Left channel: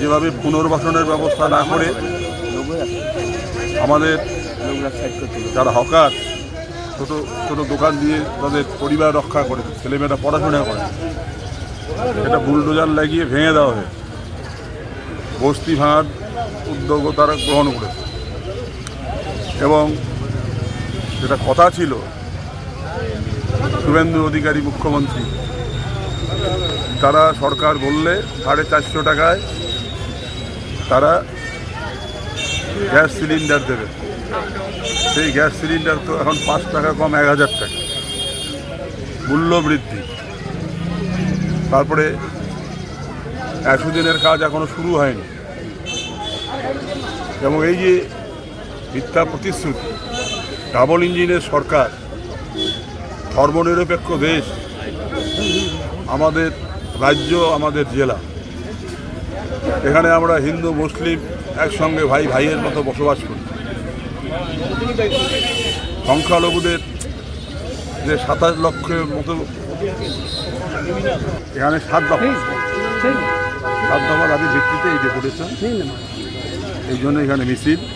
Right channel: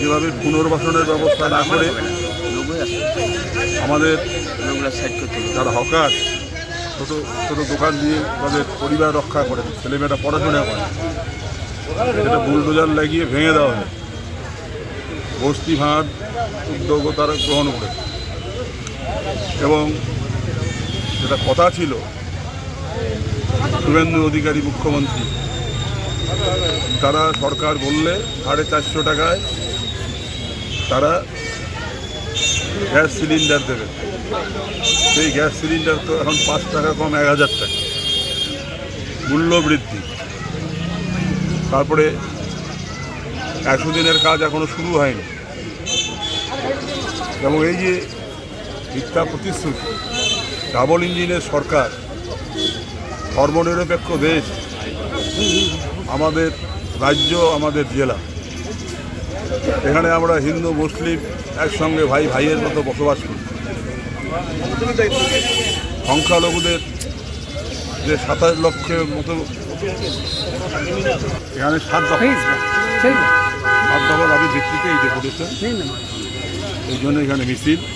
যেভাবে পুনর্বাসনের ব্যবস্থা না করে আমাদের যারা হকার ছোট ছোট দোকান দিয়ে তাদের পরিবার রক্ষা করে, ছেলেমেয়েরা পড়াশোনা করে, এটা বুলডোজার লাগিয়ে ভেঙে দেওয়া হয়। বস্তি ভাঙার উদ্যোগও তারা গ্রহণ করেছে এবং যেটা কথা ছিল শুভেন্দু অধিকারী মুখ্যমন্ত্রী, তারা সরকার বললে 450 টাকায় তারা গ্যাস সিলিন্ডার দেবে। সেই গ্যাস সিলিন্ডার তো এখন 5 টাকা কম 1000 টাকা মূল্য বৃদ্ধি। তারপরে 100 দিনের কাজ এখনো শুরু হয়নি এবং এই যে মিথ্যা প্রতিশ্রুতি, ডাবল ইঞ্জিনের সরকার, ধর্মনিরপেক্ষ দেশ, আমাদের রাজ্য, আমাদের জেলা, এখানে আমরা হিন্দু মুসলিম একসঙ্গে ভাই ভাইয়ের মতো বসবাস করি। সংখ্যালঘুদের যে 27 লক্ষের মতো, এখানে 7 দফার আগে ভিত্তিতে এই ডেপুটেশন, এই জন্য এখানে মিছিল।